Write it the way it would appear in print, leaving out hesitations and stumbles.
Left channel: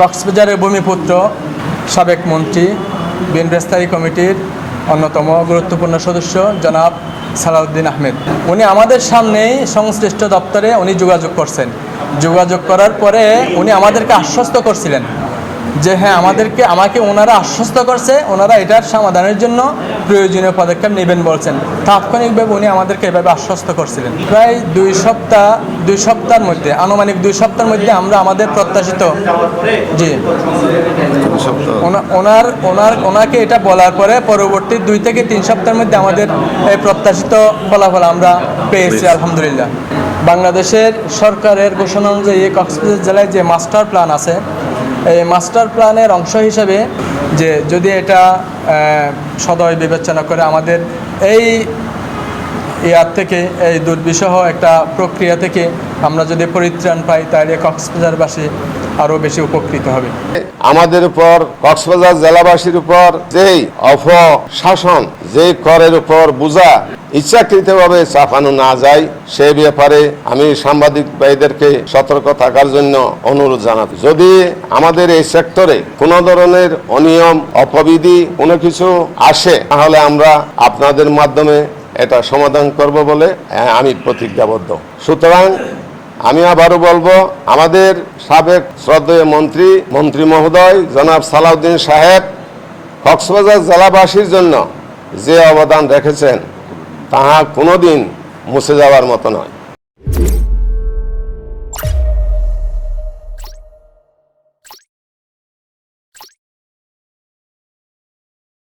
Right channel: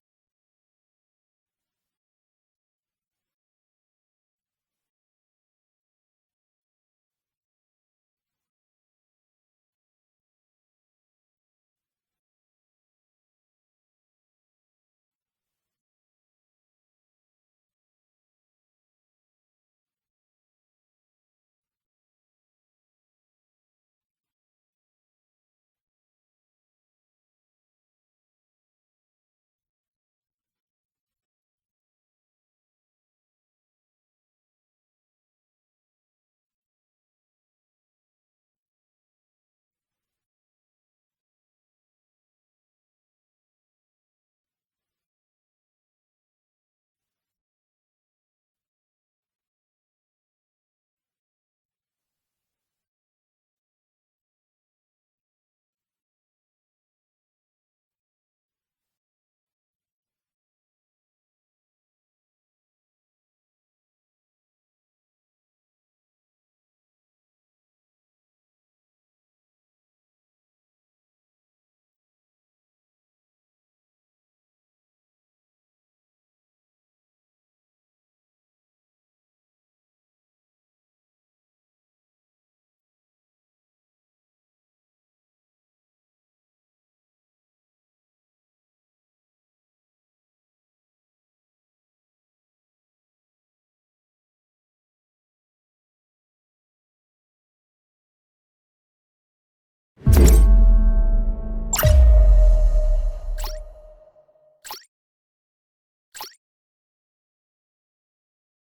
কক্সবাজারের ভূমিপুত্র সাবেক মন্ত্রী বিএনপি স্থায়ী কমিটির অন্যতম গুরুত্বপূর্ণ সদস্য জনাব সালাউদ্দিন আহমেদ, উনি আমাদের সামনেই সংশ্লিষ্ট দপ্তরে উনি যোগাযোগ করছেন। যোগাযোগ করার পরে উনি আমাদেরকে আশ্বস্ত করছিলেন যে হ্যাঁ আমাকে ওনারা আশ্বস্ত করছে, ওনারা এটার সমাধানের জন্য প্রয়োজনীয় পদক্ষেপ নেবেন বলছেন। তাৎক্ষণিকভাবে উনি আমাদেরকে এভাবে আশ্বস্ত করছিলেন। প্রায় দুই সপ্তাহের মধ্যে, আনুমানিক 2 সপ্তাহের মধ্যে আমরা আমাদের প্রত্যাশিত ওনাকে এটা বলার পরে পরবর্তী 2 থেকে 3 সপ্তাহের মধ্যে আমাদের এই প্রত্যাশিত ফলাফল আমরা পেয়েছি আলহামদুলিল্লাহ। বাংলাদেশের সরকারের ঘোষণা অনুযায়ী কক্সবাজার জেলায় যে মাস্টার প্ল্যান আছে, এই মাস্টার প্ল্যানের অংশ হিসেবে যে যদি এটা সদয় বিবেচনা করে আমাদের এই থেকে এই দুর্বিষহ একটা প্রক্রিয়া থেকে আমরা যদি পরিত্রাণ পাই, তাহলে কক্সবাজারবাসী আরও বেশি উপকৃত হবে। আমাদের উপর কক্সবাজার জেলাবাসীর উপর যেই অপশাসন, যে করের উপর বোঝা ইচ্ছাকৃতভাবে চাপানো না যায়, সে ব্যাপারে আমি সাংবাদিক ভাইদেরকে সতর্ক থাকার জন্য অনুরোধ জানাচ্ছি। যদি আমাদের এই সেক্টরে কোনো ধরনের অনিয়ম অপবিধি কোনো কিছু আসে, তাহলে আমরা আপনাদের মাধ্যমে এটা সমাধান করব বলে আমি প্রতিজ্ঞাবদ্ধ। সুতরাং আমি আবারও বলবো, আমাদের সাবেক শ্রদ্ধেয় মন্ত্রী মহোদয় জনাব সালাউদ্দিন সাহেব কক্সবাজার জেলাবাসীর জন্য যে অবদান রেখেছেন, তাহা কোনোদিন মুছে যাওয়ার মতো নয়।